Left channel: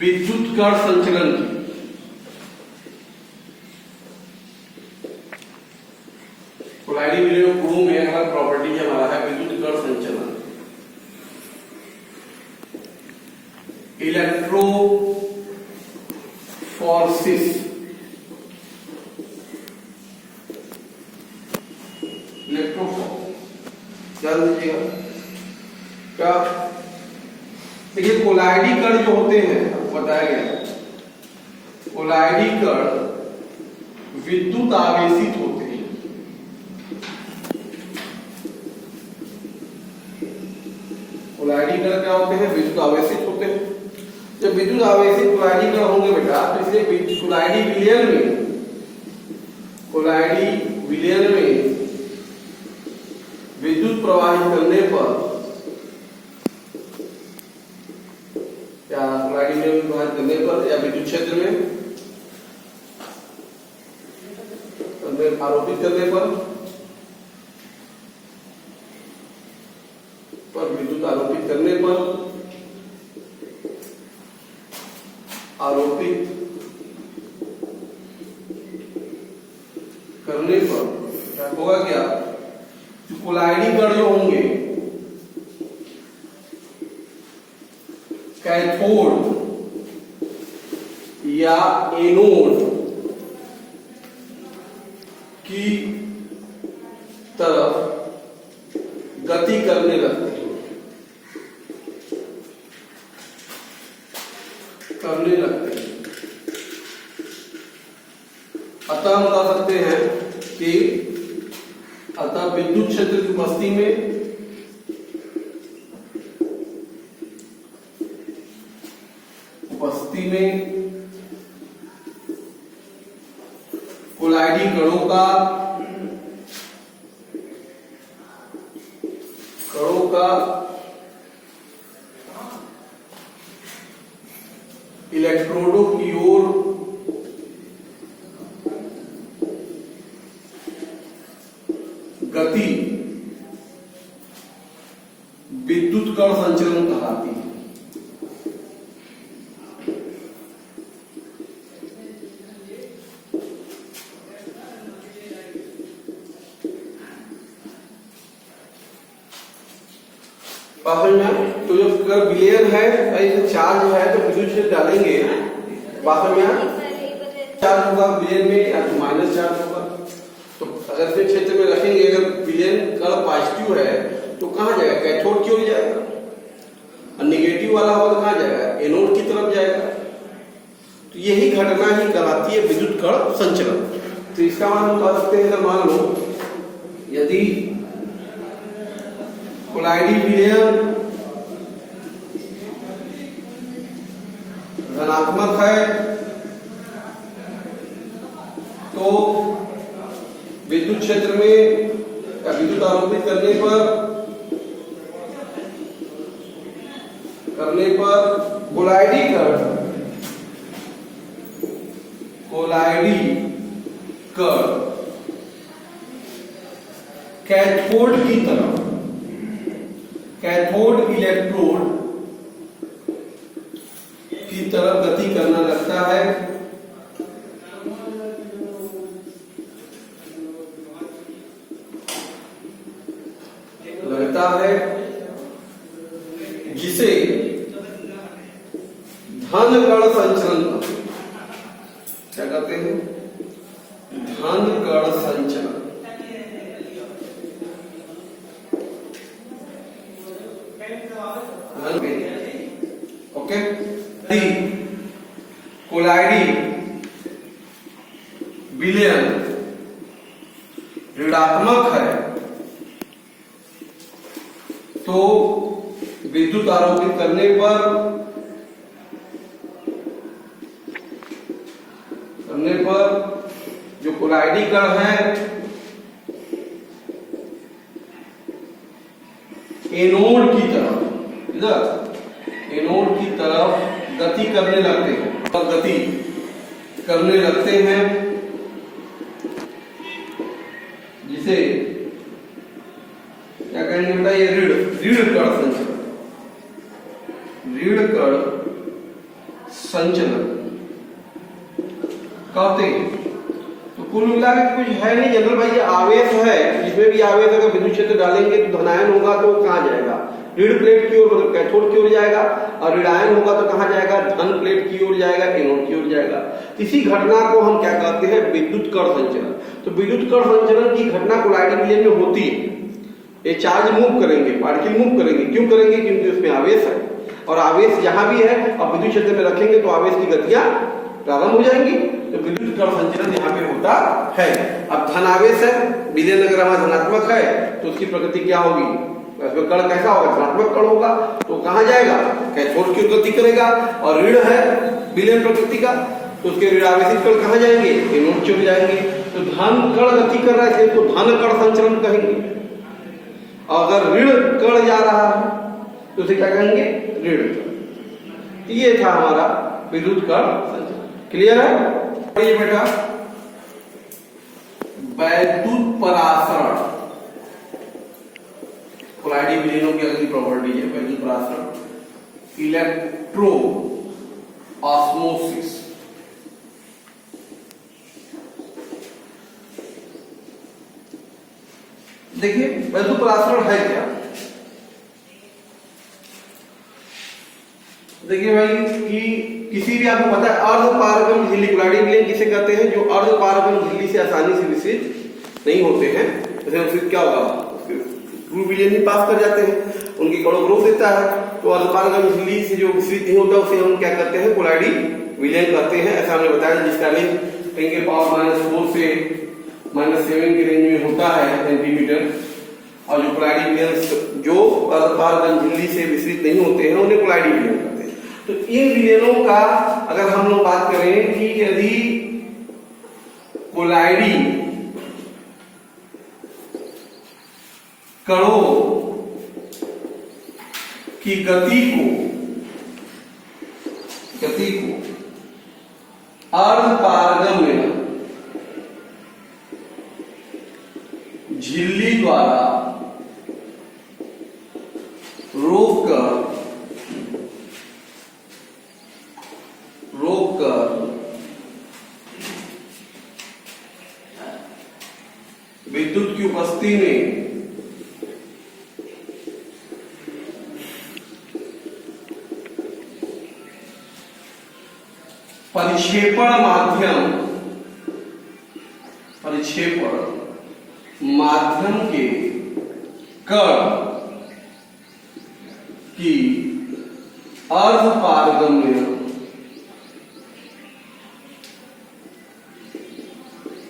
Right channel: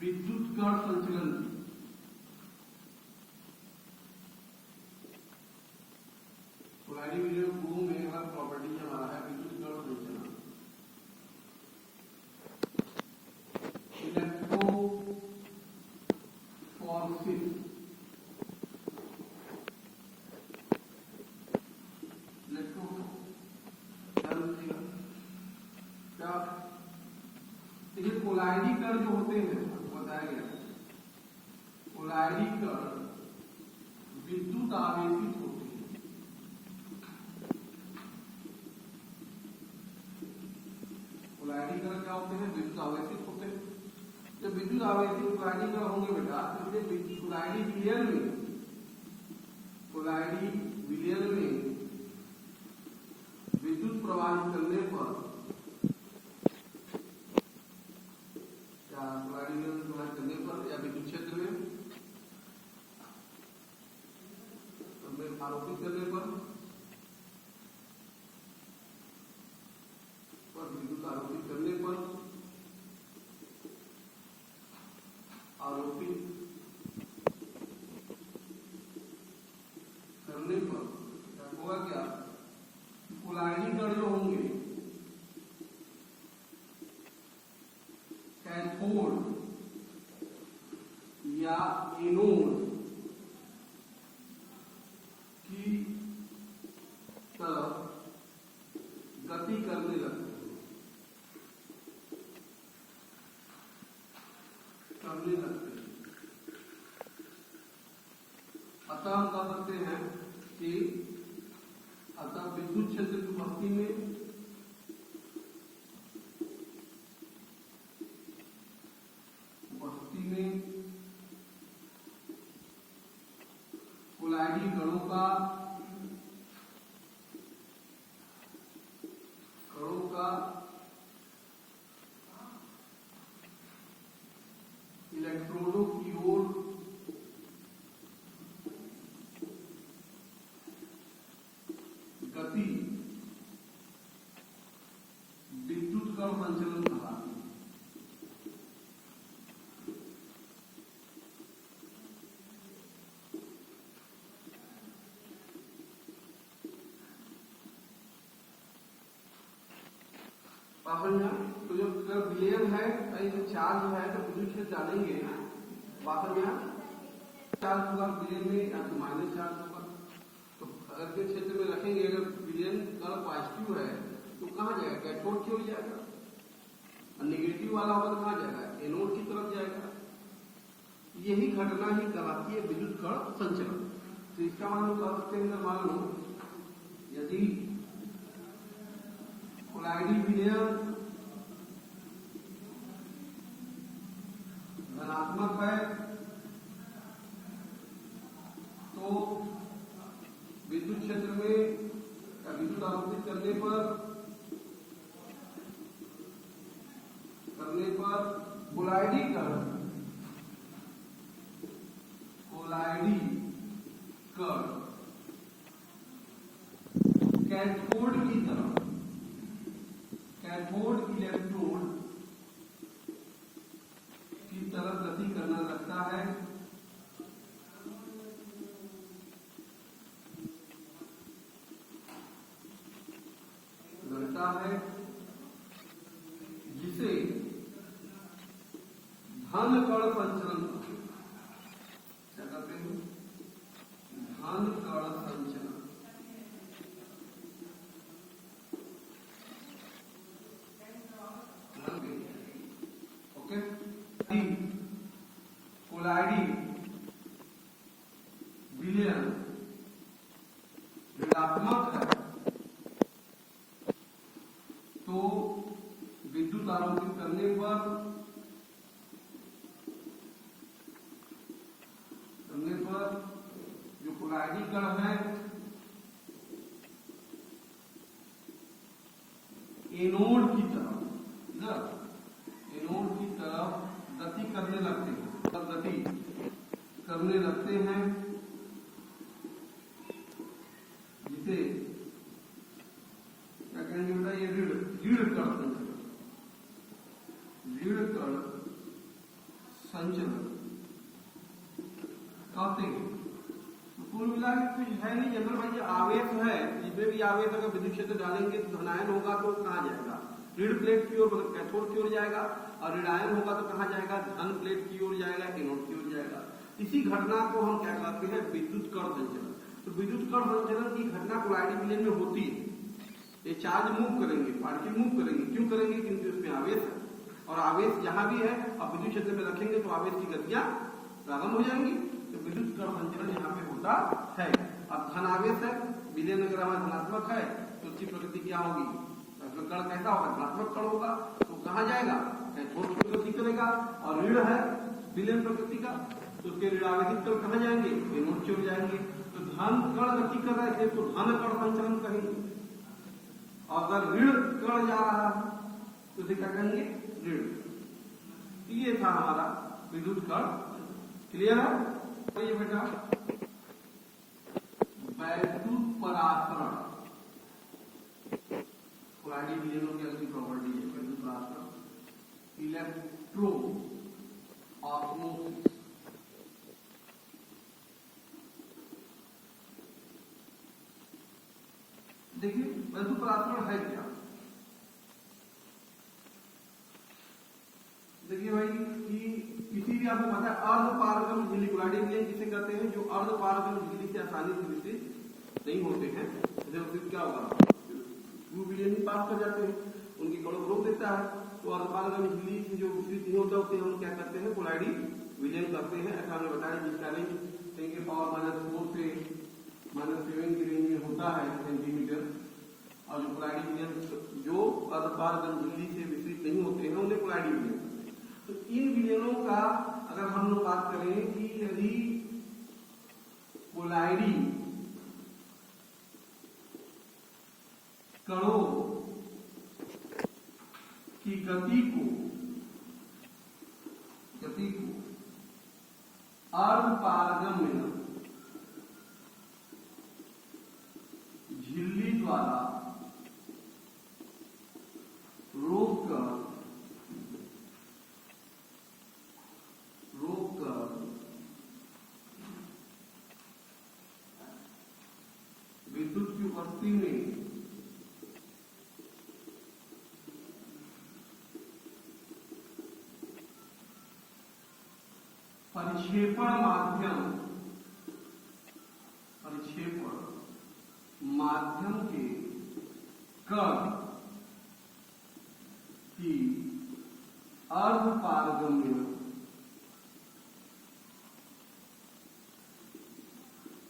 विद्युत कण संचलन की। कोलाइडी विलयन गुणों में अगला प्रॉपर्टी हमारा है विद्युत कण संचलन। इलेक्ट्रोफोर्सिस, ध्यान दीजिएगा क्या। देखिए कोलाइडी कण जो होते हैं, बताया गया कोलाइडी कण विद्युत आवेशित होते हैं। कोलाइडी कण क्या होते हैं? विद्युत आवेशित होते हैं। जब विद्युत आवेशित कोलाइडी कण होंगे बेटा, तो इसलिए कोलाइडी विलयन में विद्युत प्रवाहित करने पर या कोलाइडी विलयन प्रवाहित करने पर या विद्युत क्षेत्र में आरोपित करने पर विद्युत आरोपित करने पर क्या होगा? क्या कोलाइडी कण जो होंगे कैथोड या एनोड की तरफ गति करने लगते हैं। अतः हम बता सकते हैं कि विद्युत क्षेत्र की उपस्थिति में कोलाइडी कणों का इलेक्ट्रोडों की ओर गति विद्युत कण संचलन कहलाती है। तो जो विलयन है, चार्ज है तो विद्युत क्षेत्र डालेंगे, वास्तव में चार्ज होगा विलयन में या तो माइनस चार्ज होगा। तो अगर इस क्षेत्र में रखेंगे, अगर विलयन कण पॉजिटिव है तो कहां जाएगा? कैथोड की ओर जाएगा। और निगेटिव वाला होगा तो कहां जाएगा? एनोड की तरफ जाएगा। तो यही घटना ही कहलाती है विद्युत कण संचलन। तो इसका मान हम बता सकते हैं, मान लो यदि कोलाइडी विलयन धनात्मक है तो विद्युत क्षेत्र में या विद्युत आरोपित करने पर कोलाइडी कण कैथोड की तरफ, कैथोड इलेक्ट्रोड की तरफ गति करना लगता है। जिसे धन कण संचलन क्या कहते हैं? धन कण संचलन। ओके, कोलाइडी विलयन ऋणात्मक है तो विद्युत आरोपित करने पर जो कोलाइडी कण है एनोड की तरफ गति करने लगते हैं, जिसे क्या कहेंगे बेटा? ये ऋण कण संचलन। ऋण कण संचलन कहते हैं। तो कुल मिला के कुछ है नहीं जनरल भाई, ये आवेश है, जिसमें भी आवेश अगर विद्युत क्षेत्र डालेंगे तो धनायन होगा तो कहाँ जाएगा, ऋण प्लेट की ओर मतलब कैथोड की ओर जाएगा, और ऋणायन होगा तो कहाँ जाएगा, धन प्लेट की ओर जाएगा, एनोड की ओर जाएगा। इसी घटना को हम क्या कहते हैं, विद्युत कण संचलन। तो विद्युत कण संचलन की घटना कोलाइडी विलयन में होती है। ये चार्ज मूव करेंगे, पार्टिकल मूव करेंगे, क्यों करेंगे, क्योंकि उसमें आवेश है, और आवेश जहां भी है और विद्युत क्षेत्र में रखेंगे तो आवेश की गतियां प्रारंभ हो जाएंगी। तो विद्युत कण संचलन यहाँ पे होता है। अब धनावेश है, विलयन अगर हमारा धनात्मक है तो उसकी प्रकृति क्या होगी, कण कैसा होगा, धनात्मक कण होगा, तो कहाँ जाएगा, कैथोड की ओर गति करेगा। और ऋण है विलयन प्रकृति का, तो उसके ऋणावेशित कण कहाँ जाएंगे, एनोड की ओर जाएंगे। तो धन कण गति कर रहा है तो धन कण संचलन कहेंगे। अगर ऋण कण जा रहा है तो उसे क्या कहेंगे, ऋण। ये था हमारा विद्युत कण संचलन। क्लियर है ये बेटा। वैद्युत परासरण कोलाइडी विलयनों की अगली प्रॉपर्टी है वैद्युत परासरण, इलेक्ट्रो ऑस्मोसिस। देखिए वैद्युत परासरण है क्या, देखिए भाई कि किसी भी आपको पता है अर्धपारगम झिल्ली, कोलाइडी विलयन किसे कहते हैं, जो अर्धपारगम झिल्ली से आसानी से विसरित नहीं होते हैं। जैसे विसरित क्या होगा, ट्रू विलयन ही पास कर जाते हैं, उनकी कणों को रोक देता है। तो अर्धपारगम झिल्ली से जो विसरित नहीं होता उसे हम क्या करते हैं, कोलाइडी विलयन कहते हैं। ऐसा हमने बताया जिसका रेंज 10 के पावर -4 से -7 के रेंज में होता है सेंटीमीटर। और जो कोलाइडी विलयन जो अर्धपारगम झिल्ली से विसरित नहीं होते हैं उन्हें कोलाइडी विलयन कहते हैं। तो इन विलयनों का अगर हम लोग बात करें कि यदि कोलाइडी कणों की गति को अर्धपारगम्य झिल्ली द्वारा रोककर विद्युत की उपस्थिति में परिक्षेपण माध्यम के कण की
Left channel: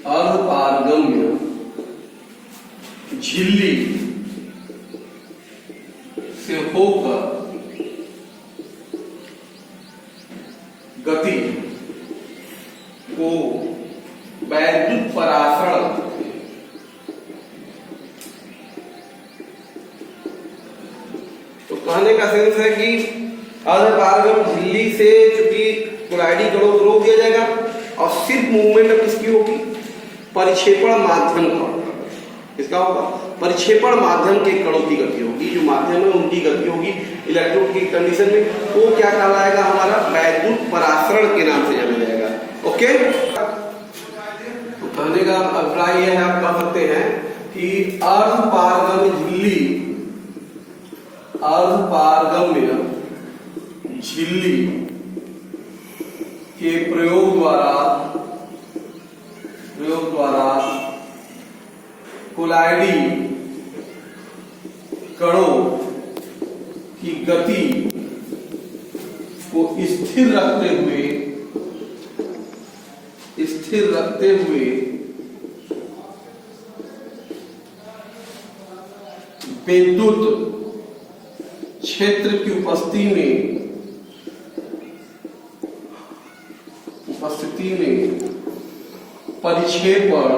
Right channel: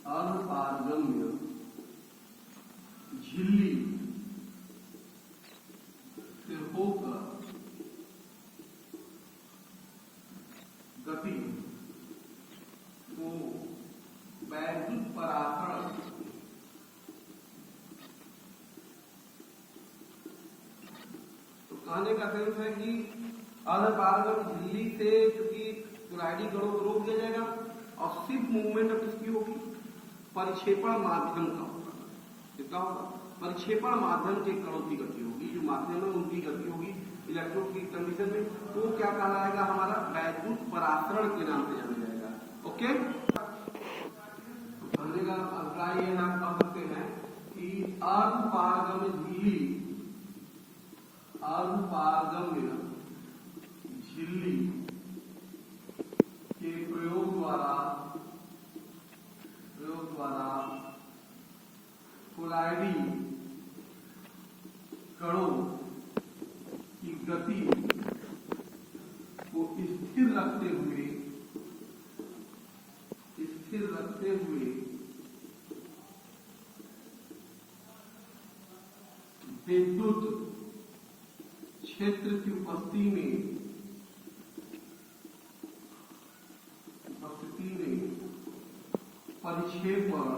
अर्धपारगम्य झिल्ली से होकर गति को वैद्युत परासरण तो कहने का सेंस है कि अर्धपारगम झिल्ली से चूंकि कोलाइडी कणों को रोक दिया जाएगा और सिर्फ मूवमेंट अब किसकी होगी, परिक्षेपण माध्यम का। इसका होगा परिक्षेपण माध्यम के कणों की गति होगी, जो माध्यम है उनकी गति होगी इलेक्ट्रोड की कंडीशन में, तो क्या कहलाएगा, हमारा वैद्युत परासरण के नाम से जाना जाएगा। ओके, तो कहने का अभिप्राय यह है, आप कह सकते हैं कि अर्धपारगम्य झिल्ली के प्रयोग द्वारा कोलाइडी कणों की गति को स्थिर रखते हुए विद्युत क्षेत्र की उपस्थिति में परिक्षेपण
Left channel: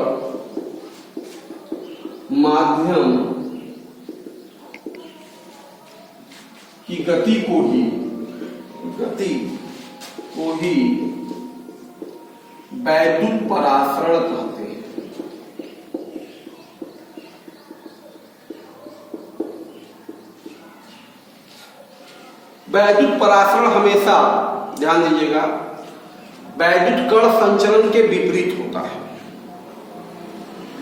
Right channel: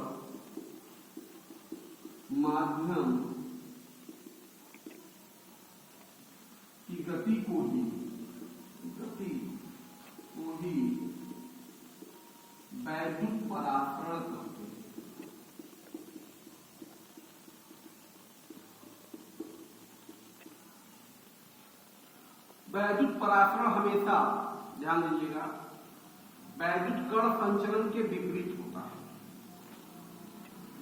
माध्यम की गति को ही वैद्युत परासरण कहते हैं। वैद्युत परासरण हमेशा ध्यान दीजिएगा, वैद्युत कण संचरण के विपरीत होता है।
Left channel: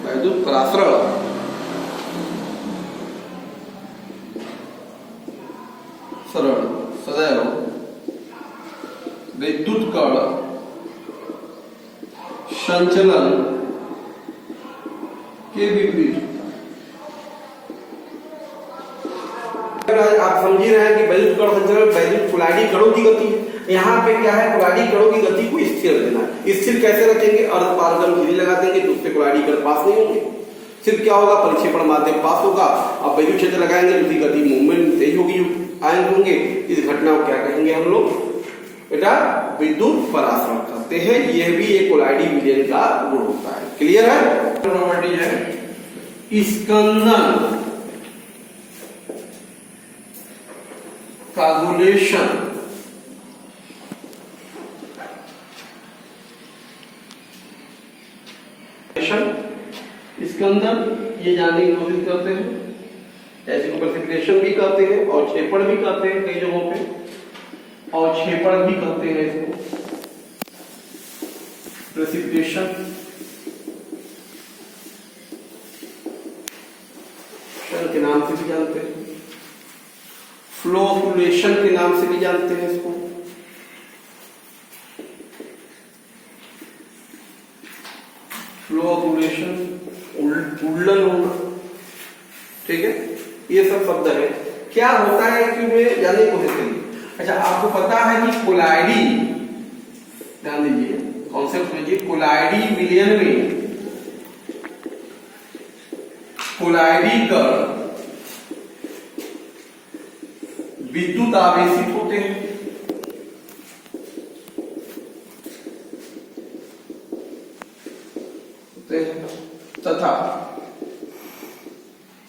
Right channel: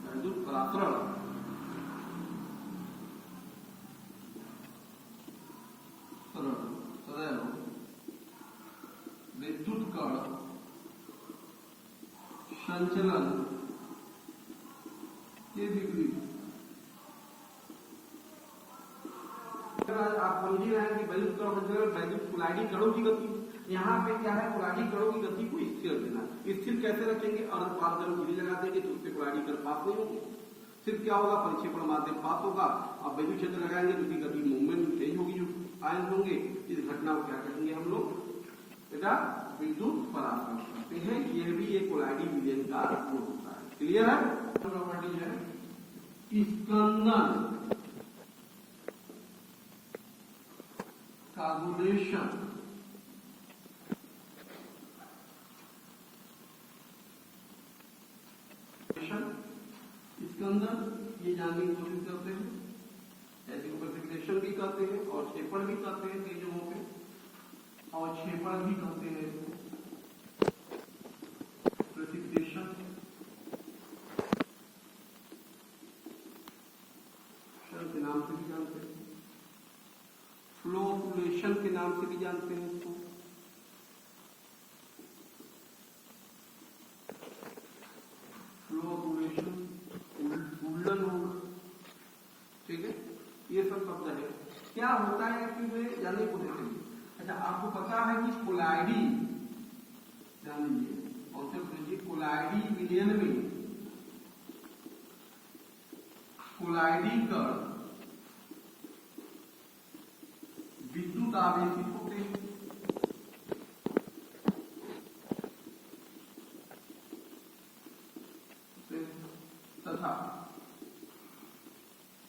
वैद्युत परासरण सदैव विद्युत कण संचलन के विपरीत। आप समझ रहे हैं कि वैद्युत कण संचलन वैद्युत कुलाइडी कणों की गति है। यहाँ पे क्या है, कुलाइडी कणों की गति को स्थिर देना है। स्थिर कैसे रखेंगे, अर्धपारगम झिल्ली लगा देंगे तो उससे कुलाइडी कण पास नहीं होंगे। सिर्फ क्या होगा, परिक्षेपण माध्यम पास होगा। अब वैद्युत क्षेत्र लगाएंगे तो उसकी गति मूवमेंट तेज होगी, आयन होंगे। इस घटना को क्या कहेंगे हम लोग बेटा, विद्युत परासरण कहते हैं। यह भी एक कोलाइडी विलयन का गुण होता है। क्लियर है? प्रॉपर्टी है स्कंदन कागुलेशन। स्कंदन ये जानने की कोशिश करते हैं, ऐसे को प्रेसिपिटेशन भी कहते हैं और क्षेपण भी कहते हैं कई जगहों पे, और क्षेपण भी कहते हैं इसको प्रेसिपिटेशन, के नाम से भी जानते हैं, फ्लोकुलेशन के नाम से भी जानते हैं इसको। फ्लोकुलेशन उल्लन होना, ठीक है, ये सब शब्द है। क्या होता है कि वे जानने की कोशिश करिए। अच्छा, आपको पता है कि कोलाइडी, ध्यान दीजिए कॉन्सेप्ट समझिए, कोलाइडी विलयन में कोलाइडी कण विद्युत आवेशित होते हैं। तथा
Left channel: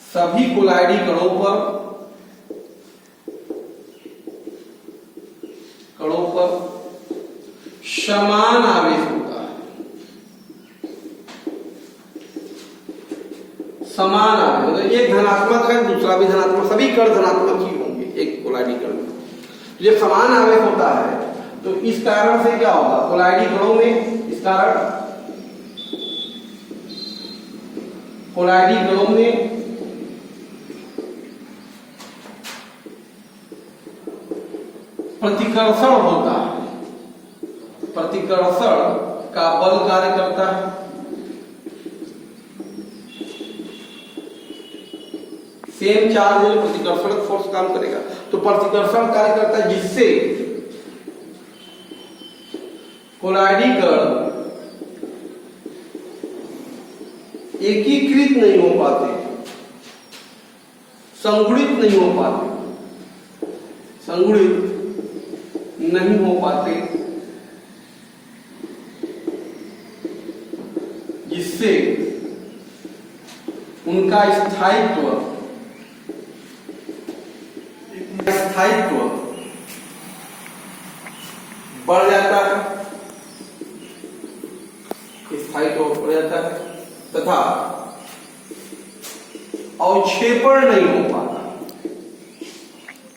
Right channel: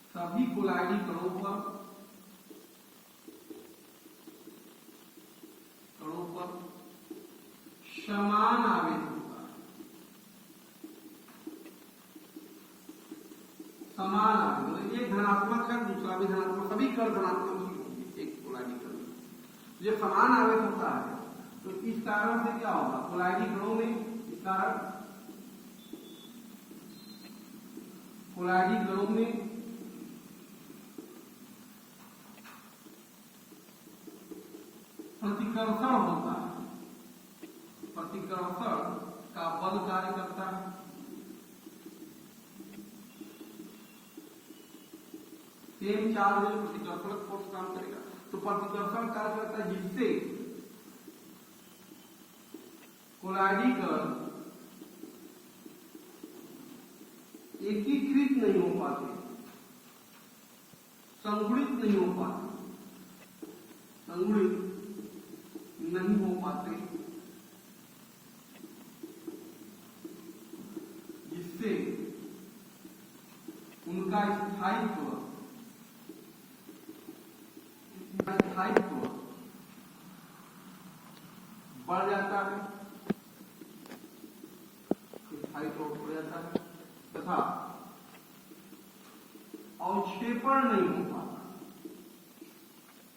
सभी कोलाइडी कणों पर समान आवेश होता है। समान आवेश मतलब एक धनात्मक है दूसरा भी धनात्मक, सभी कण धनात्मक ही होंगे एक कोलाइडी कण में। जब समान आवेश होता है तो इस कारण से क्या होगा, कोलाइडी कणों में इस कारण कोलाइडी कणों में प्रतिकर्षण होता है। प्रतिकर्षण का बल कार्य करता है। सेम चार्ज में प्रतिकर्षण फोर्स काम करेगा, तो प्रतिकर्षण कार्य करता है जिससे कोलाइडी कण एकीकृत नहीं हो पाते, संगुणित नहीं हो पाते, संगुणित नहीं हो पाते, जिससे उनका स्थायित्व बढ़ जाता है, स्थायित्व बढ़ जाता है तथा अवक्षेपण नहीं हो पाता,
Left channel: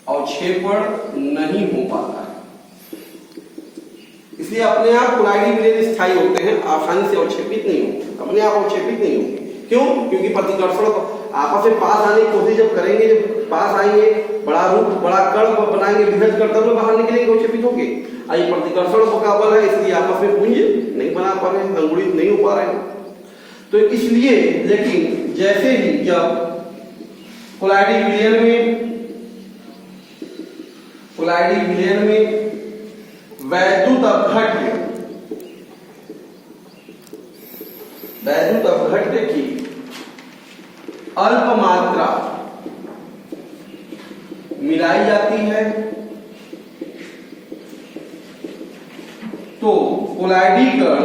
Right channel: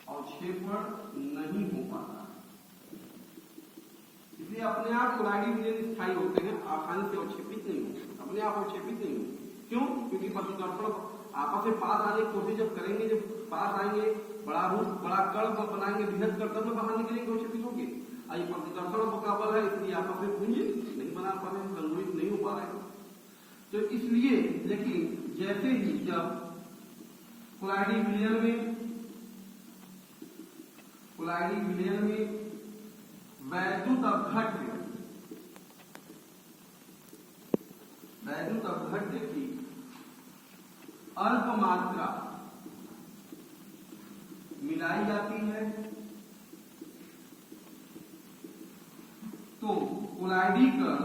अवक्षेपण नहीं हो पाता है। इसलिए अपने आप कोलाइडी विलयन स्थायी होते हैं, आसानी से अवक्षेपित नहीं होंगे, अपने आप अवक्षेपित नहीं होंगे। क्यों? क्योंकि प्रतिकर्षण आपस में पास आने की कोशिश जब करेंगे, जब पास आएंगे, बड़ा रूप बड़ा कण बनाएंगे, विभेद कर तब बाहर निकलेंगे, अवक्षेपित होंगे। ये प्रतिकर्षण का बल है, इसलिए आपस में पुंज नहीं बना पा रहे हैं, संगुणित नहीं हो पा रहे हैं। तो इसलिए लेकिन जैसे ही जब कोलाइडी विलयन में वैद्युत अपघट्य की अल्प मात्रा मिलाई जाती है तो कोलाइडी कण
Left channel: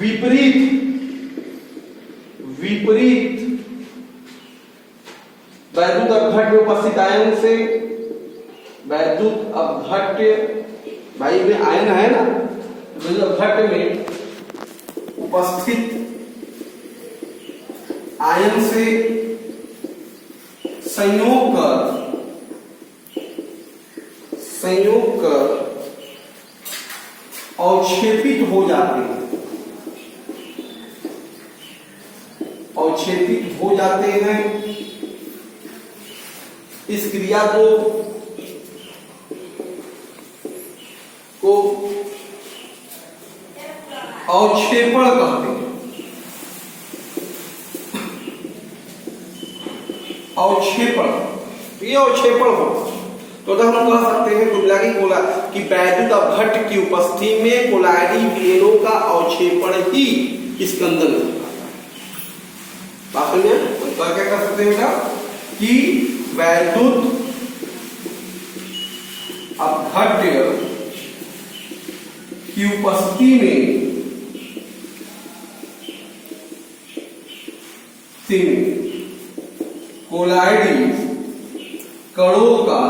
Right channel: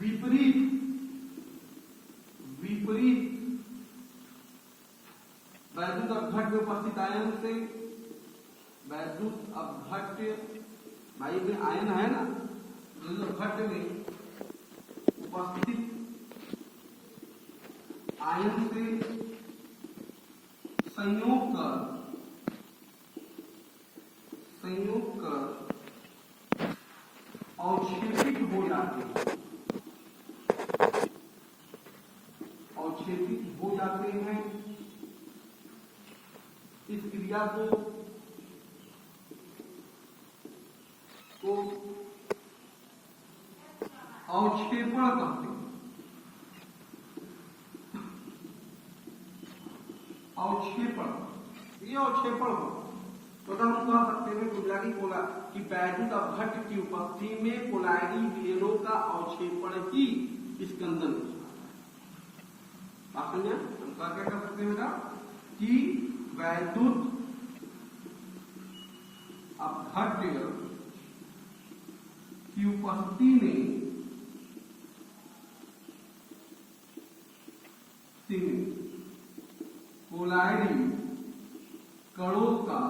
विपरीत वैद्युत अपघट्य में उपस्थित आयन से, वैद्युत अपघट्य भाई में आयन है ना, वैद्युत अपघट्य में उपस्थित आयन से संयोग कर संयोग कर अवक्षेपित हो जाते हैं, अवक्षेपित हो जाते हैं। इस क्रिया को अवक्षेपण कहते हैं। अवक्षेपण, ये अवक्षेपण हो तो हम कह सकते हैं कुमिला की वैद्युत अपघट्ट की उपस्थिति में कोलाइडी विलयनों का अवक्षेपण ही स्कंदन बात में क्या कह सकते हैं बेटा कि वैद्युत अपघट्ट की उपस्थिति में कोलाइडी कणों का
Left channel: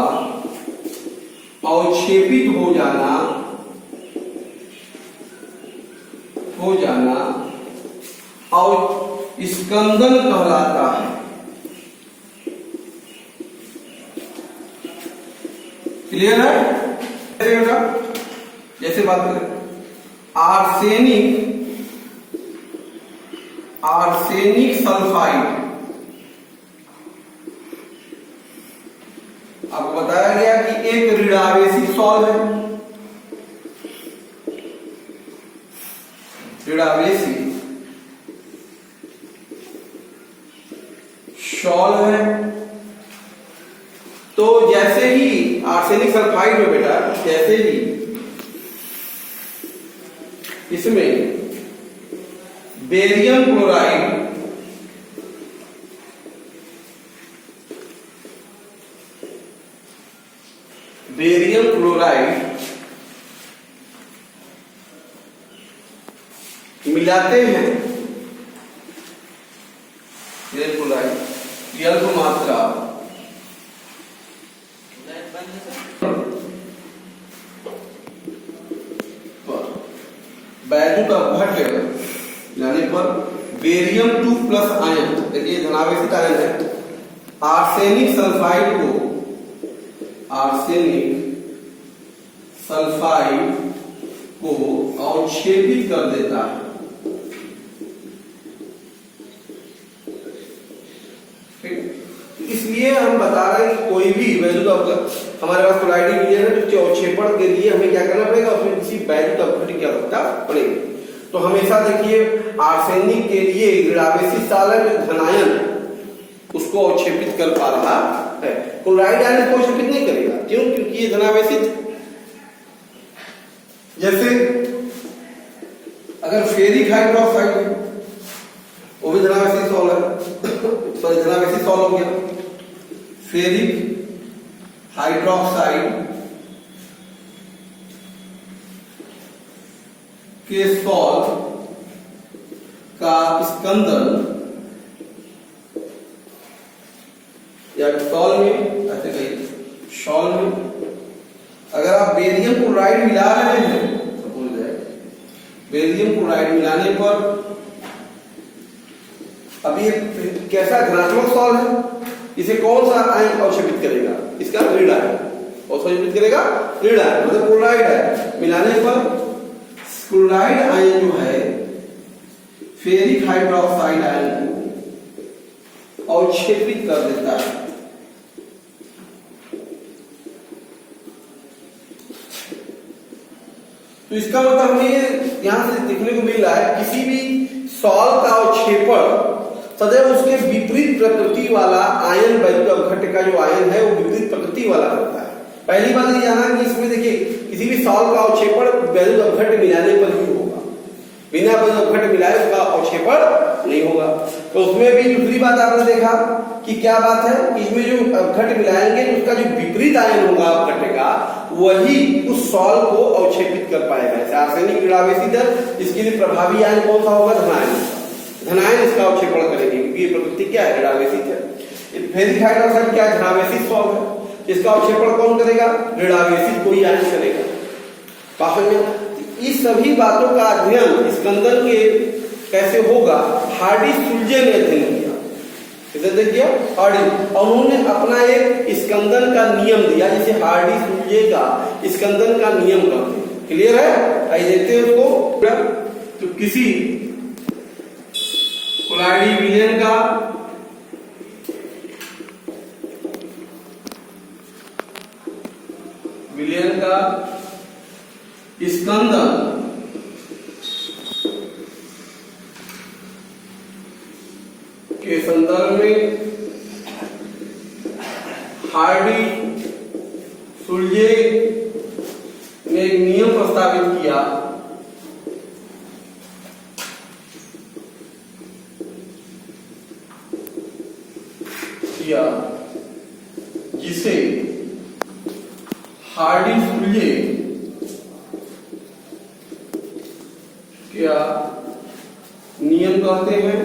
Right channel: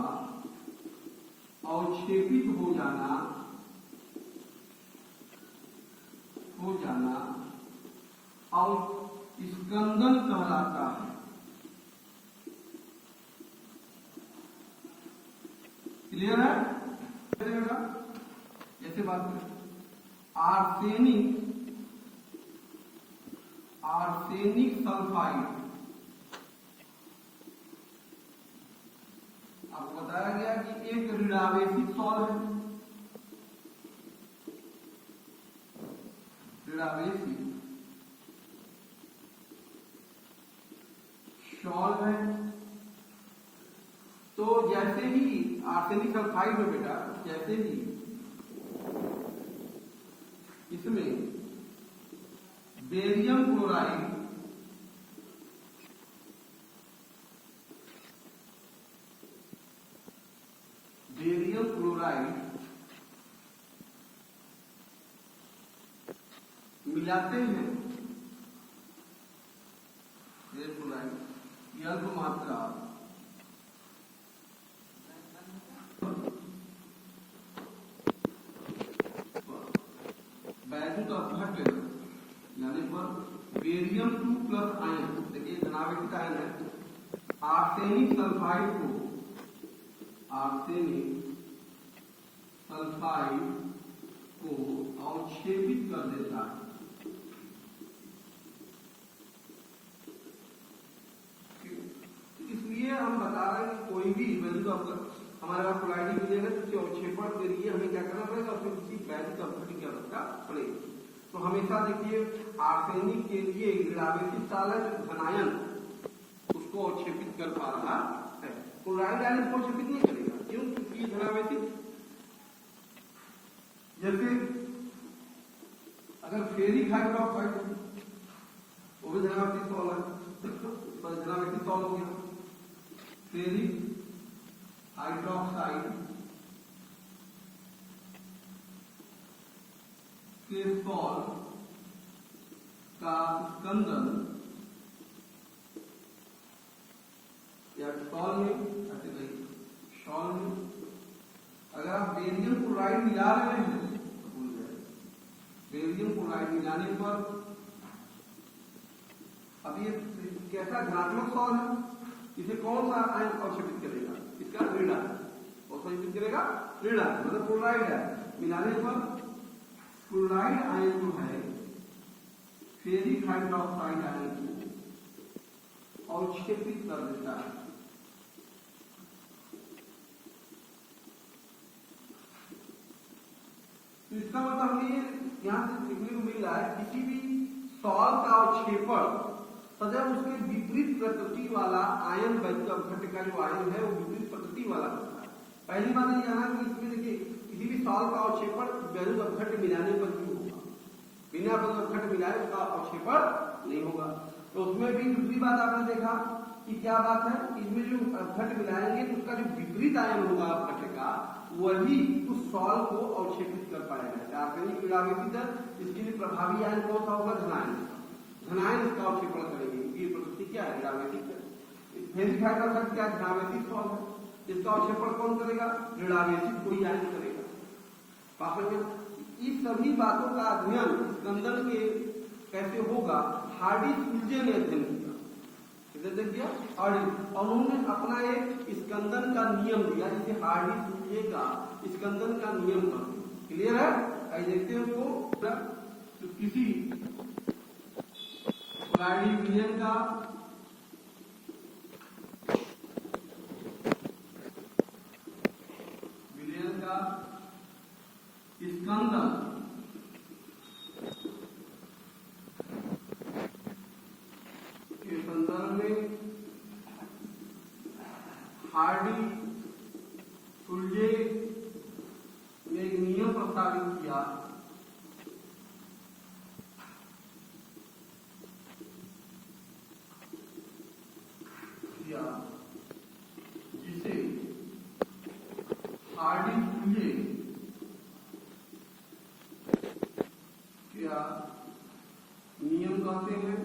अवक्षेपित हो जाना और स्कंदन कहलाता है। क्लियर है? जैसे बात करें आर्सेनिक सल्फाइड, आपको बताया गया कि एक ऋणावेशी सॉल्व है, ऋणावेशी सॉल्व है। तो जैसे ही आर्सेनिक सल्फाइड में बेटा जैसे ही इसमें बेरियम क्लोराइड मिलाते हैं, अल्प मात्रा वैद्युत अपघट्ट यानी पर बेरियम 2 प्लस आयन, देखिए धनावेशित आयन है, आर्सेनिक सल्फाइड को अवक्षेपित कर देता है। इसलिए हम बता रहे हैं कि कोई भी वैद्युत अपघट्ट हमारे पास कोलाइडी विलयन है, उसके अवक्षेपण के लिए हमें क्या करना पड़ेगा, उसमें किसी वैद्युत अपघट्ट की आवश्यकता पड़ेगी। तो हमेशा देखिए आर्सेनिक के लिए ऋणावेशी सालन धनायन उसको अवक्षेपित कर पा रहा है, क्लोराइड आयन को अवक्षेपित नहीं करेगा। क्यों? क्योंकि ये धनावेशित। जैसे अगर फेरिक हाइड्रोक्साइड है वो भी धनावेशी सॉल्व है, सॉरी धनावेशी सॉल्व हो गया। फेरिक हाइड्रोक्साइड के सॉल्व का स्कंदन या सॉल्व में ऐसे कहिए सॉल्व में अगर आप बेरियम क्लोराइड मिला रहे हैं, सपोज है बेरियम क्लोराइड मिलाने पर अब ये कैसा धनात्मक सॉल्व है, इसे कौन सा आयन अवक्षेपित करेगा, इसका ऋण आयन अवक्षेपित करेगा, ऋण आयन मतलब क्लोराइड है। मिलाने पर क्लोराइड आयन जो है फेरिक हाइड्रोक्साइड आयन को अवक्षेपित कर देता है। तो इसका मतलब हमें यहां से देखने को मिल रहा है किसी भी सॉल्व का अवक्षेपण सदैव उसके विपरीत प्रकृति वाला आयन वैद्युत अपघट्ट का जो आयन है वो विपरीत प्रकृति वाला करता है। पहली बात ये जाना कि इसमें देखिए किसी भी सॉल्व का अवक्षेपण वैद्युत अपघट्ट मिलाने पर ही होगा, बिना वैद्युत अपघट्ट मिलाए उसका अवक्षेपण नहीं होगा। तो उसमें भी दूसरी बात आपने देखा कि क्या बात है, इसमें जो अपघट्ट मिलाएंगे उसका जो विपरीत आयन होगा अपघट्ट का वही उस सॉल्व को अवक्षेपित कर पाएगा। आर्सेनिक ऋणावेशित है, इसके लिए प्रभावी आयन कौन सा होगा, धनायन। धनायन इसका अवक्षेपण करेंगे क्योंकि ये प्रकृति क्या है, ऋणावेशित है। फेरिक हाइड्रोक्साइड क्या है, धनावेशित सॉल्व है, इसका अवक्षेपण कौन करेगा, ऋणावेशित कोई आयन करेगा। पास में इस सभी बातों का अध्ययन स्कंदन के कैसे होगा, हार्डी सुल्जे ने अध्ययन किया। इसे देख गया हार्डी, और उन्होंने अपना एक स्कंदन का नियम दिया जिसे हार्डी सूल्जे का स्कंदन का नियम कहते हैं। क्लियर है? आइए देखते हैं उसको। तो किसी कोलाइडी विलयन का स्कंदन के संदर्भ में हार्डी सूल्जे ने एक नियम प्रस्तावित किया जिसे हार्डी सूल्जे क्या नियम कहते हैं।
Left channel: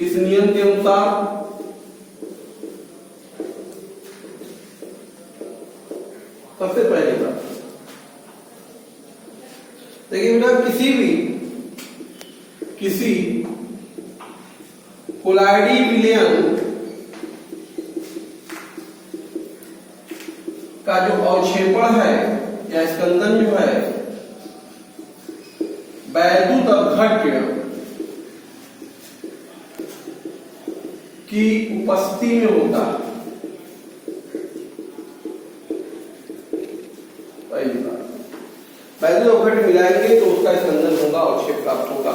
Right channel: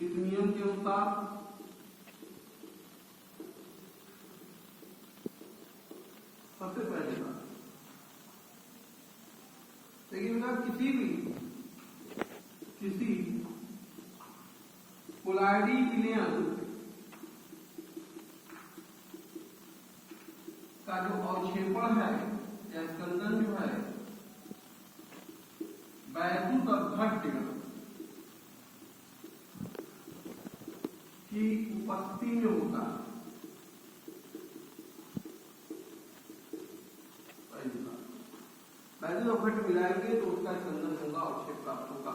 इस नियम के अनुसार सबसे पहले बात देखिए बेटा, किसी कोलाइडी विलयन का जो अवक्षेपण है या स्कंदन जो है वैद्युत अपघट्य की उपस्थिति में होता है। पहली बात, वैद्युत अपघट्य मिलाएंगे तो उसका स्कंदन होगा, अवक्षेप प्राप्त होगा।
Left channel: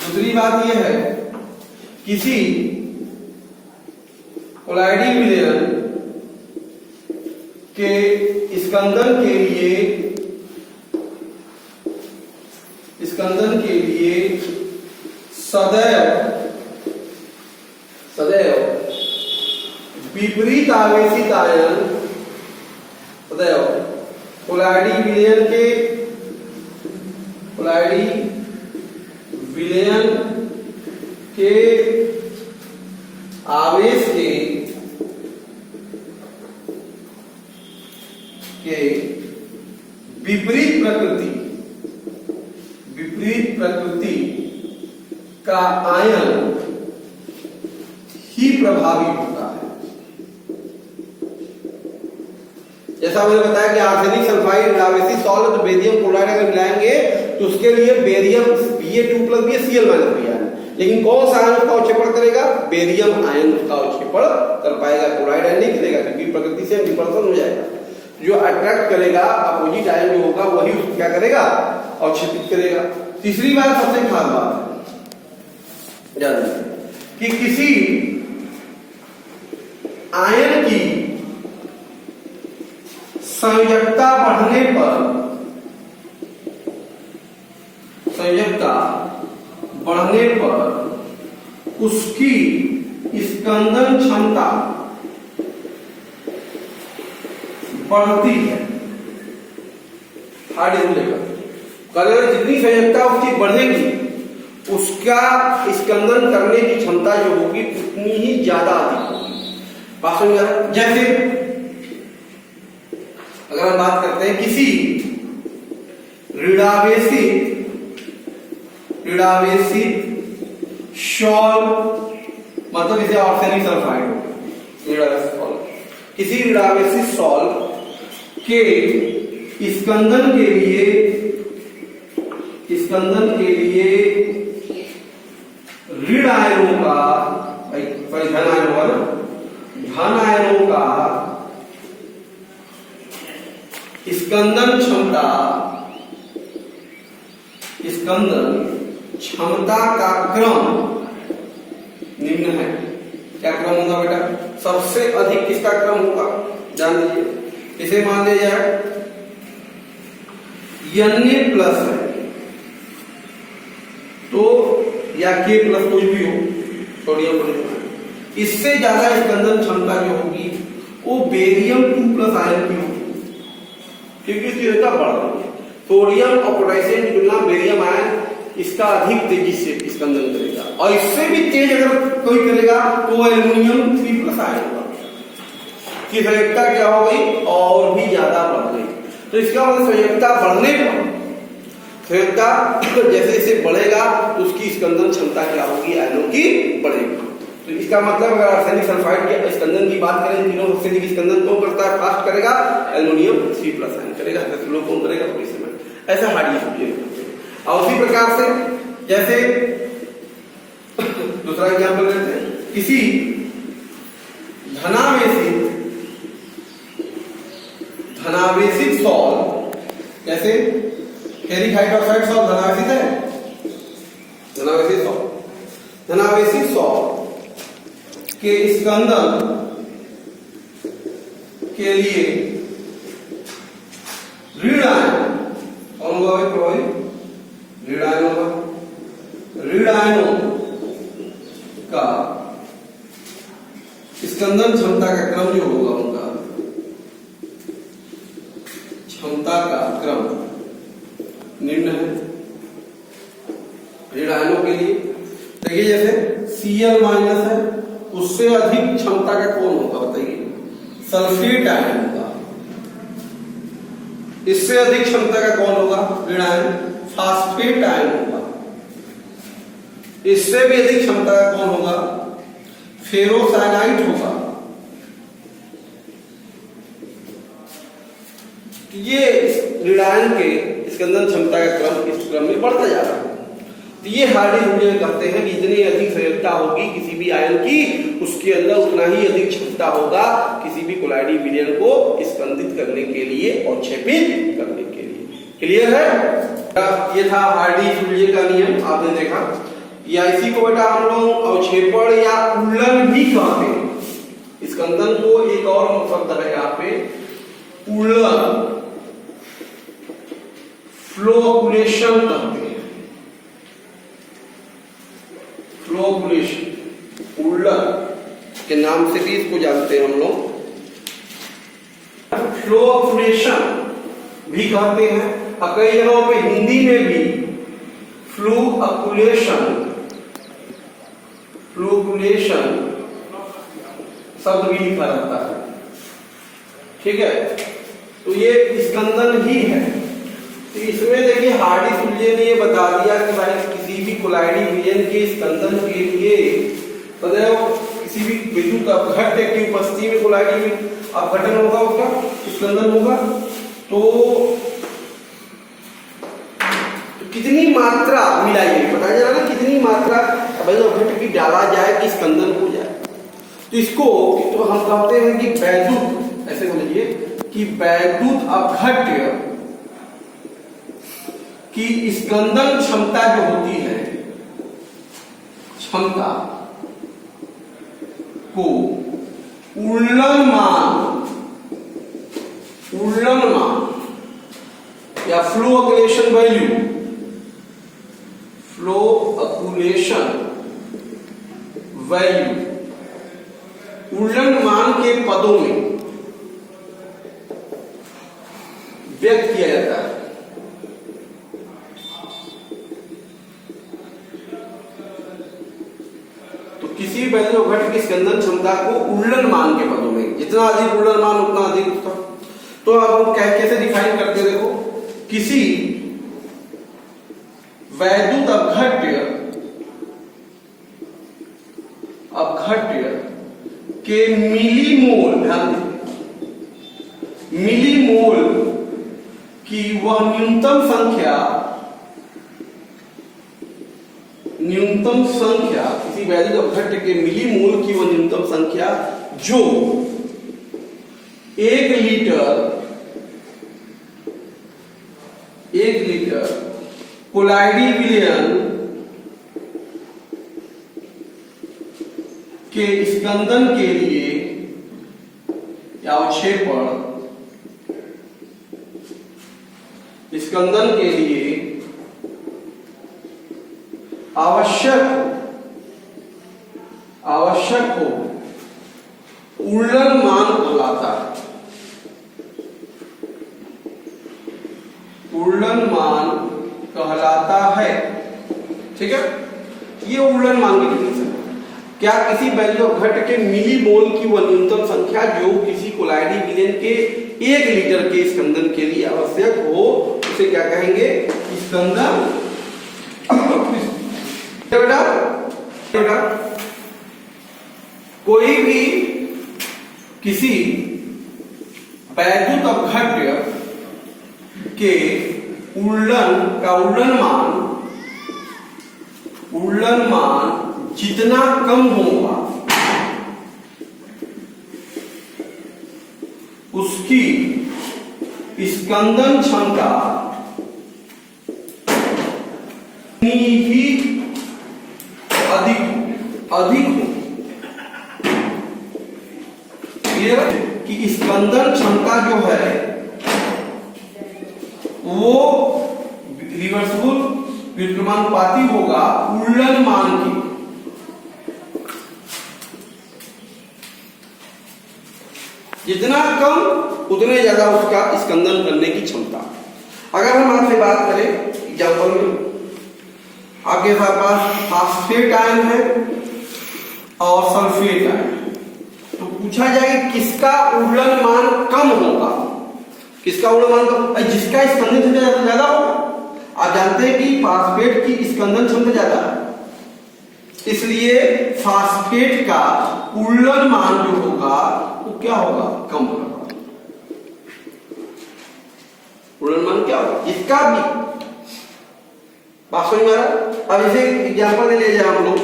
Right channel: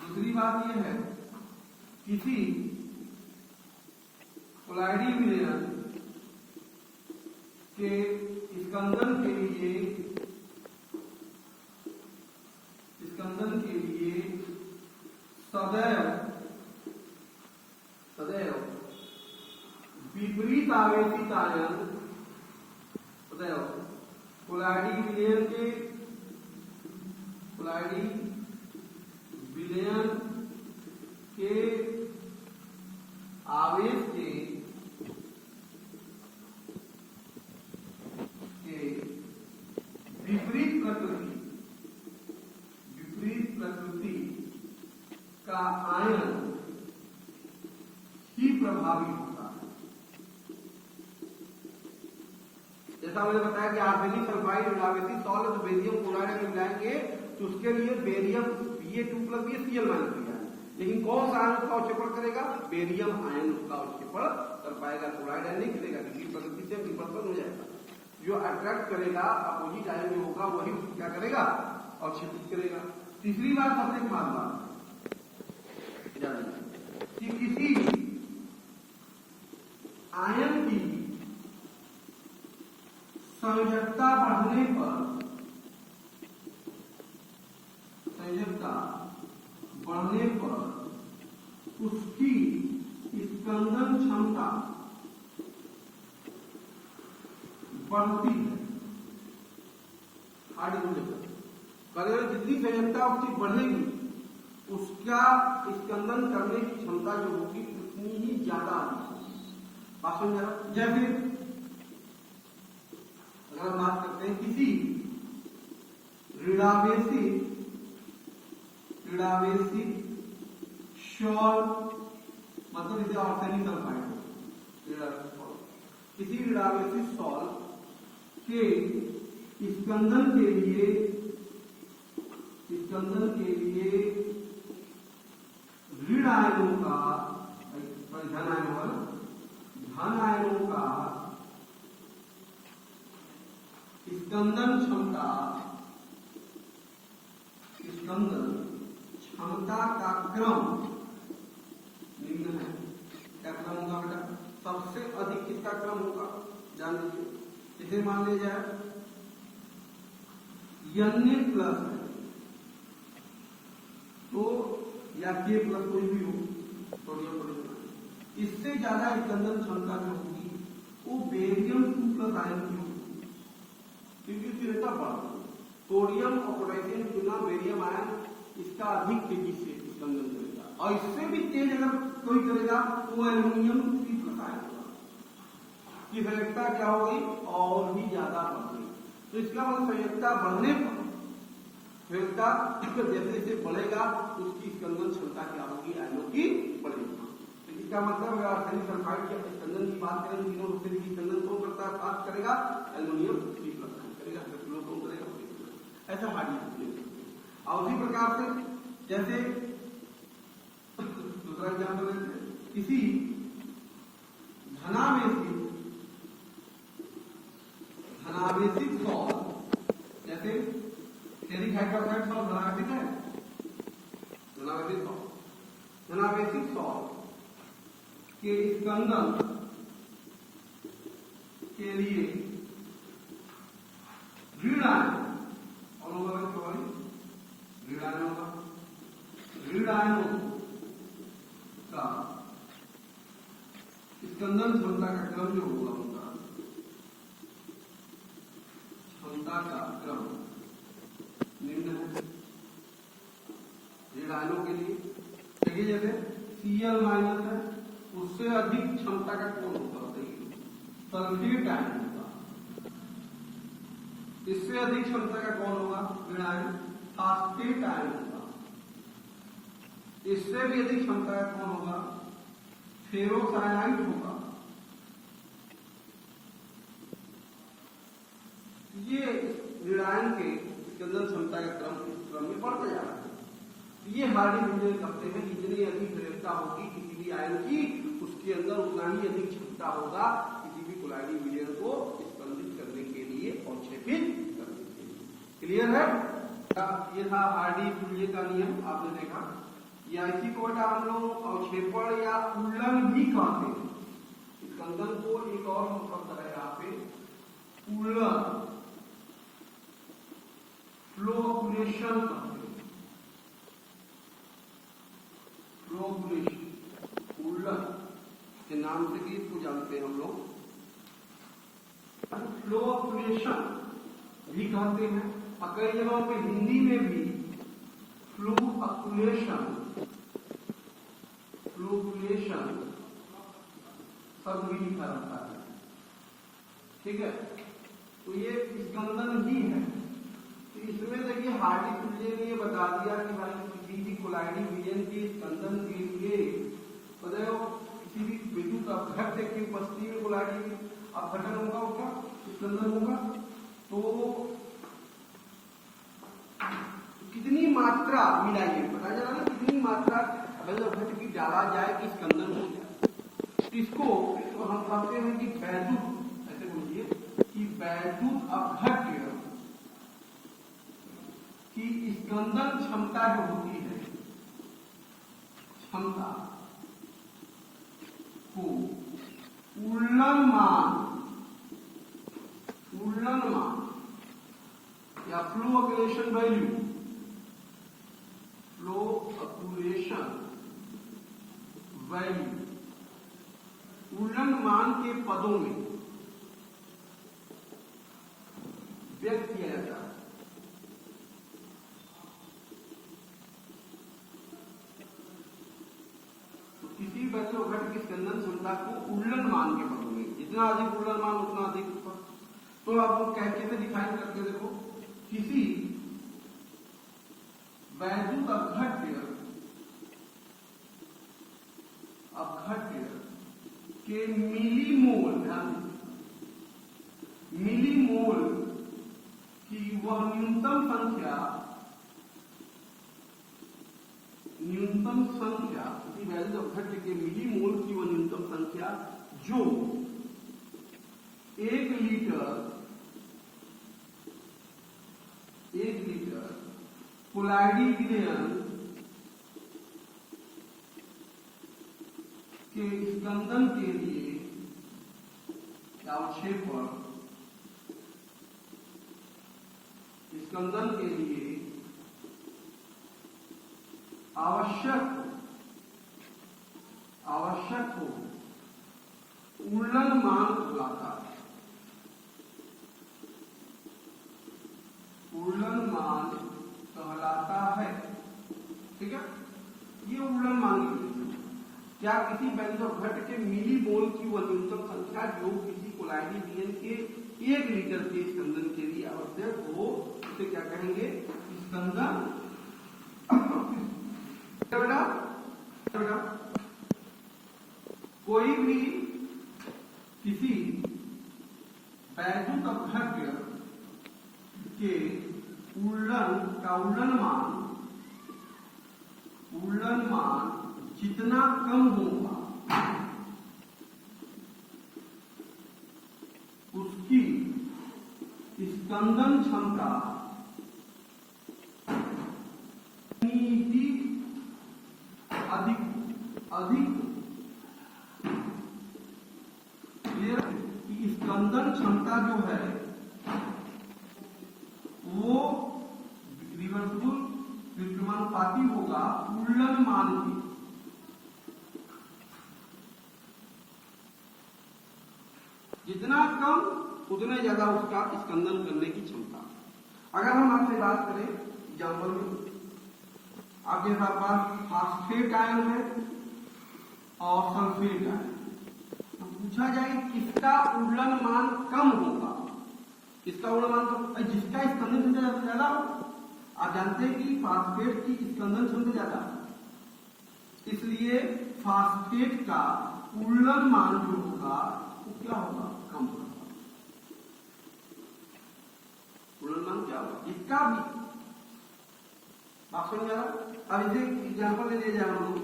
दूसरी बात यह है, किसी कोलाइडी विलयन के स्कंदन के लिए सदैव विपरीत आवेशित आयन, सदैव कोलाइडी विलयन के आवेश के विपरीत प्रकृति का आयन ही प्रभावी होता है। जैसा मैंने बताया कि आर्सेनिक सल्फाइड आवेशित सॉल्ट तो बेरियम क्लोराइड अगर मिलाएंगे तो उसके लिए barium Ba2 plus Ba Cl minus भी है, लेकिन कौन सा आयन उसका अवक्षेपण करेगा? बेरियम आयन उसका अवक्षेपण कर पाएगा, क्लोराइड आयन नहीं करेगा क्योंकि प्रकृति से विकर्षण हो जाएगा। जो अट्रैक्ट करेगा अपोजिट आयन जो होगा वही उसको क्या करेगा? अवक्षेपित करेगा। तीसरी बात, सबसे खास बात है कि किसी आयन की संयोजकता बढ़ने पर उसकी स्कंदन क्षमता बढ़ती है। हार्डी लेवल जितनी संयोजकता उसकी बढ़ेगी उसका स्कंदन करने की क्षमता जो होगी उतनी ही ज्यादा अधिक होगी। बात समझ आ रहा है? जैसे अगर हम बात करते हैं किसी ऋणावेशित सॉल, मतलब इसे आर्सेनिक सल्फाइड हो, किसी ऋणावेशित सॉल के स्कंदन के लिए ऋण आयनों का धन आयनों का स्कंदन क्षमता का क्रम निम्न है। क्या क्रम होगा बेटा? सबसे अधिक किसका क्रम होगा? जान लीजिए। इसे मान लिया जाए Na प्लस है तो या K प्लस कोई भी हो, सोडियम पोटेशियम, इससे ज्यादा स्कंदन क्षमता जो होगी वो बेरियम 2 प्लस आयन की होगी क्योंकि इसकी रेखा बढ़ रही है। सोडियम और पोटेशियम की तुलना बेरियम आयन इसका अधिक तेजी से स्कंदन करेगा, और इससे भी तेज अगर कोई करेगा तो एल्युमिनियम 3 प्लस आयन होगा की संयोजकता क्या हो गई? और भी ज्यादा बढ़ गई। तो इसका मतलब संयोजकता बढ़ने पर स्थिरता जैसे जैसे बढ़ेगा तो उसकी स्कंदन क्षमता क्या होगी, आयनों की बढ़ेगी। तो इसका मतलब अगर आर्सेनिक सल्फाइड के स्कंदन की बात करें, तीनों सबसे अधिक स्कंदन कौन करता है, फास्ट करेगा, एल्युमिनियम 3+ आयन करेगा, स्लो कौन करेगा, पोटेशियम। ऐसा हार्डी करते हैं। और उसी प्रकार से जैसे दूसरा एग्जाम्पल लेते हैं, किसी धनावेशित सॉल्ट, जैसे फेरिक हाइड्रोक्साइड सॉल्ट धनावेशित है, धनावेशित सॉल्ट के स्कंदन के लिए ऋण आयन कौन होगा भाई प्रभावी, ऋण आयन होगा। ऋण आयनों का स्कंदन क्षमता का क्रम जो होगा, उनका क्षमता का क्रम निम्न है। ऋण आयनों के लिए देखिए जैसे Cl- है, उससे अधिक क्षमता का कौन होगा बताइए, सल्फेट आयन होगा। इससे अधिक क्षमता का कौन होगा ऋण आयन, फास्फेट आयन होगा। इससे भी अधिक क्षमता का कौन होगा, फेरोसाइनाइड होगा। ये ऋण आयन के स्कंदन क्षमता का क्रम इस क्रम में बढ़ता जा रहा है। तो ये हार्डी रूल कहते हैं कि जितनी अधिक संयोजकता होगी किसी भी आयन की, उसके अंदर उतना ही अधिक क्षमता होगा किसी भी कोलाइडी विलयन को स्कंदित करने के लिए और क्षेपित करने के लिए। क्लियर है? ये था हार्डी रूल का नियम, आपने देखा। या इसी को बेटा हम लोग अवक्षेपण या उल्लन भी कहते हैं। स्कंदन को एक और शब्द है यहाँ पे, उल्लन, फ्लोकुलेशन कहते हैं। फ्लोकुलेशन, उल्लन के नाम से भी इसको जानते हैं हम लोग। फ्लोकुलेशन भी कहते हैं, और कई जगहों पे हिंदी में भी फ्लूअकुलेशन, फ्लूकुलेशन शब्द भी लिखा रहता है। ठीक है, तो ये स्कंदन ही है। तो इसमें देखिए हार्डी सुल्जे ने ये बता दिया कि भाई किसी भी कोलाइडी विलयन के स्कंदन के लिए किसी भी विद्युत अपघट्य की उपस्थिति में कोलाइडी में अपघटन होगा, उसका स्कंदन होगा। तो कितनी मात्रा मिलाइए, बताया जा रहा है कितनी मात्रा अपघट्य की डाला जाए कि स्कंदन हो जाए। तो इसको तो हम कहते हैं कि वैद्युत, ऐसे बोलिए कि वैद्युत अपघट्य की स्कंदन क्षमता जो होती है, क्षमता को उल्लन मान या फ्लोअकुलेशन वैल्यू, फ्लोअकुलेशन वैल्यू उल्लन मान के पदों में व्यक्त किया जाता है। किसी भी वैद्युत अपघट्य की स्कंदन क्षमता को उल्लन मान के पदों में, जितना अधिक उल्लन मान उतना अधिक उसका। तो अब हम कैसे डिफाइन करते हैं, देखो किसी वैद्युत अपघट्य के मिलीमोल, ध्यान दें, मिलीमोल की वह न्यूनतम संख्या, किसी वैद्युत अपघट्य के मिलीमोल की वह न्यूनतम संख्या जो 1 लीटर कोलाइडी विलयन के स्कंदन के लिए या अवक्षेपण स्कंदन के लिए आवश्यक हो उल्लन मान कहलाता है। उल्लन मान कहलाता है। ठीक है, ये उल्लन मान की डिफिनेशन है। क्या किसी वैद्युत अपघट्य के मिलीमोल की वह न्यूनतम संख्या जो किसी कोलाइडी विलयन के 1 लीटर के स्कंदन के लिए आवश्यक हो, उसे क्या कहेंगे? स्कंदन। बेटा बेटा कोई भी किसी वैद्युत अपघट्य के उल्लन मान जितना कम होगा उसकी स्कंदन क्षमता ही अधिक हो। क्लियर? कि स्कंदन क्षमता जो है वो रिवर्सिबल व्युत्क्रमानुपाती होगा उल्लन मान की। जितना कम उतने ज्यादा उसका स्कंदन करने की क्षमता। अगर हम आपसे बात करें एग्जाम्पल में, आपके पास फास्फेट आयन है और सल्फेट आयन, तो पूछा जाए किसका उल्लन मान कम होगा, किसका उल्लन मान कम? जिसका स्कंदन क्षमता ज्यादा होगा। आप जानते हैं कि फास्फेट की स्कंदन क्षमता ज्यादा है, इसलिए फास्फेट का उल्लन मान जो होगा वो क्या होगा? कम होगा। उल्लन मान क्या होगा? जिसका भी बात समझ में आ रहा? अब इसे एग्जाम्पल ले लीजिए हम लोग।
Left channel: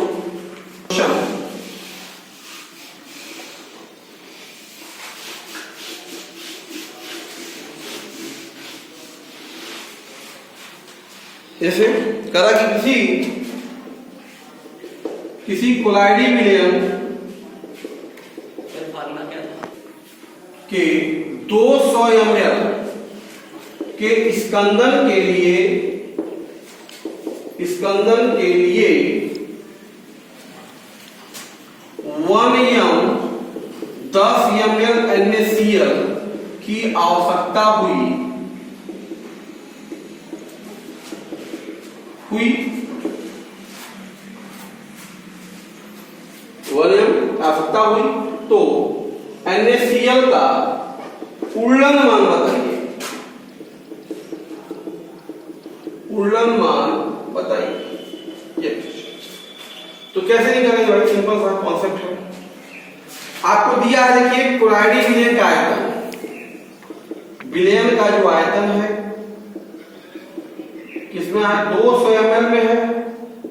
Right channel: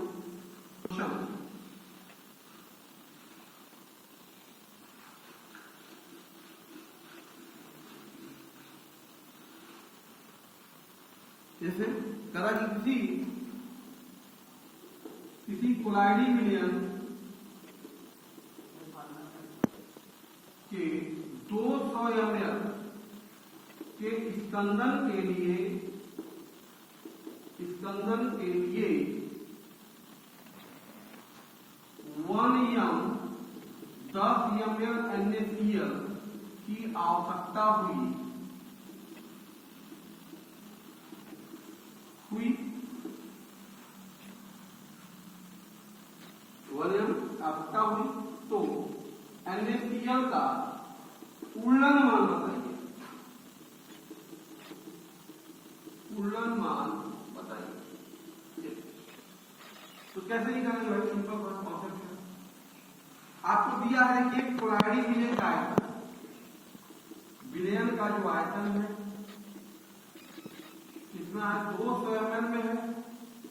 जैसे करा कि किसी कोलाइडी विलयन के 200 ml के स्कंदन के लिए 1 m 10 ml NaCl की आवश्यकता हुई 1 m आवश्यकता हुई, तो NaCl का उल्लन मान बताइए। उल्लन मान बताइए। तो कैसे निकालेंगे भाई? सिंपल सा कॉन्सेप्ट है। आपको दिया है, देखिए कोलाइडी विलयन का आयतन, विलयन का जो आयतन है किसमें है? 200 ml में है,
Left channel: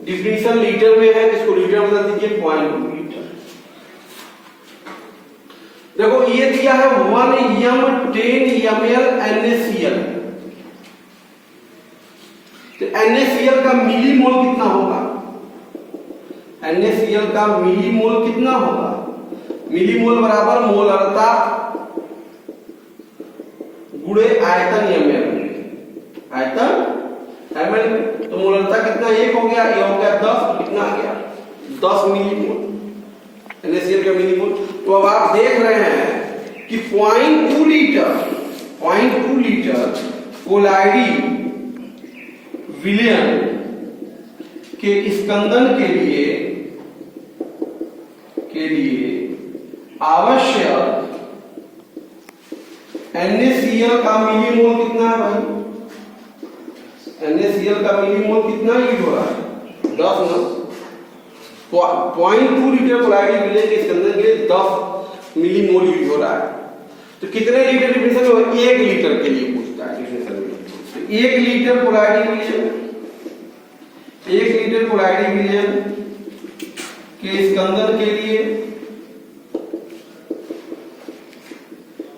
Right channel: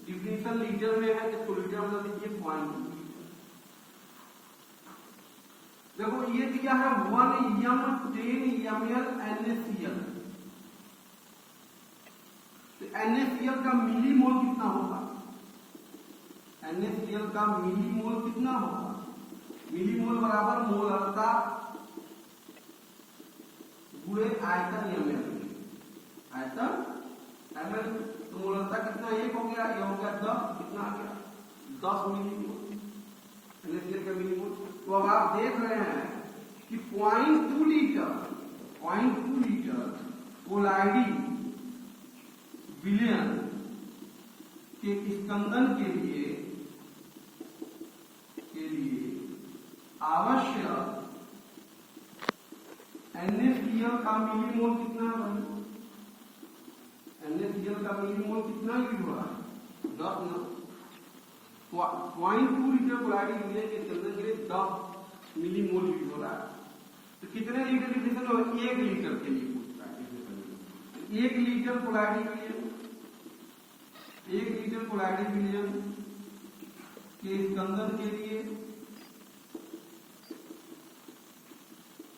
डिफिनीशन लीटर में है, इसको लीटर में बदल दीजिए 0.2 लीटर। देखो ये दिया है 1 m 10 ml NaCl, तो NaCl का मिलीमोल कितना होगा? NaCl का मिलीमोल कितना होगा? मिलीमोल बराबर मोलरता गुणे आयतन ml में, आयतन ml में, तो मोलरता कितना? 1 हो गया, ये हो गया 10, तो कितना आ गया? 10 मिलीमोल NaCl का मिलीमोल। तो अब आप देख रहे हैं कि 0.2 लीटर कोलाइडी विलयन के स्कंदन के लिए आवश्यक NaCl का मिलीमोल कितना है भाई? NaCl का मिलीमोल कितना यूज हो रहा है? 10 ना। 0.2 लीटर कोलाइडी विलयन के स्कंदन के लिए 10 मिलीमोल यूज हो रहा है। तो कितने लीटर डिफिनेशन में? 1 लीटर के लिए पूछता है डिफिनेशन में। तो 1 लीटर कोलाइडी विलयन, 1 लीटर कोलाइडी विलयन के स्कंदन के लिए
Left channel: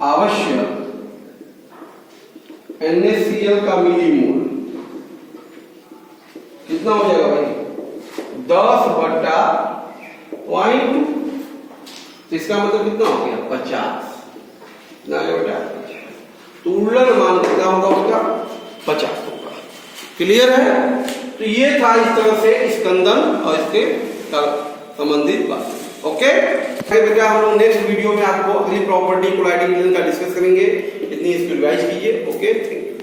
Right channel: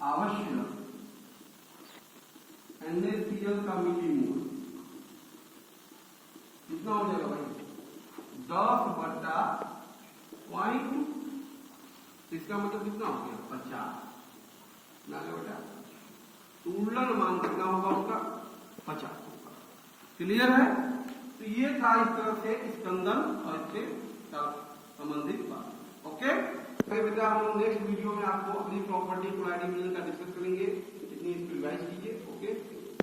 आवश्यक NaCl का मिलीमोल कितना हो जाएगा भाई? 10/0.2, इसका मतलब कितना हो गया? 50 ना बेटा। तो उल्लन मान कितना होगा उसका? 50 होगा। क्लियर है? तो ये था इस तरह से स्कंदन और इसके संबंधित बात। ओके बेटा, हम लोग नेक्स्ट वीडियो में आपको अगली प्रॉपर्टी कोलाइडी विलयन का डिस्कस करेंगे। इतनी इसको रिवाइज कीजिए। Okay, thank you.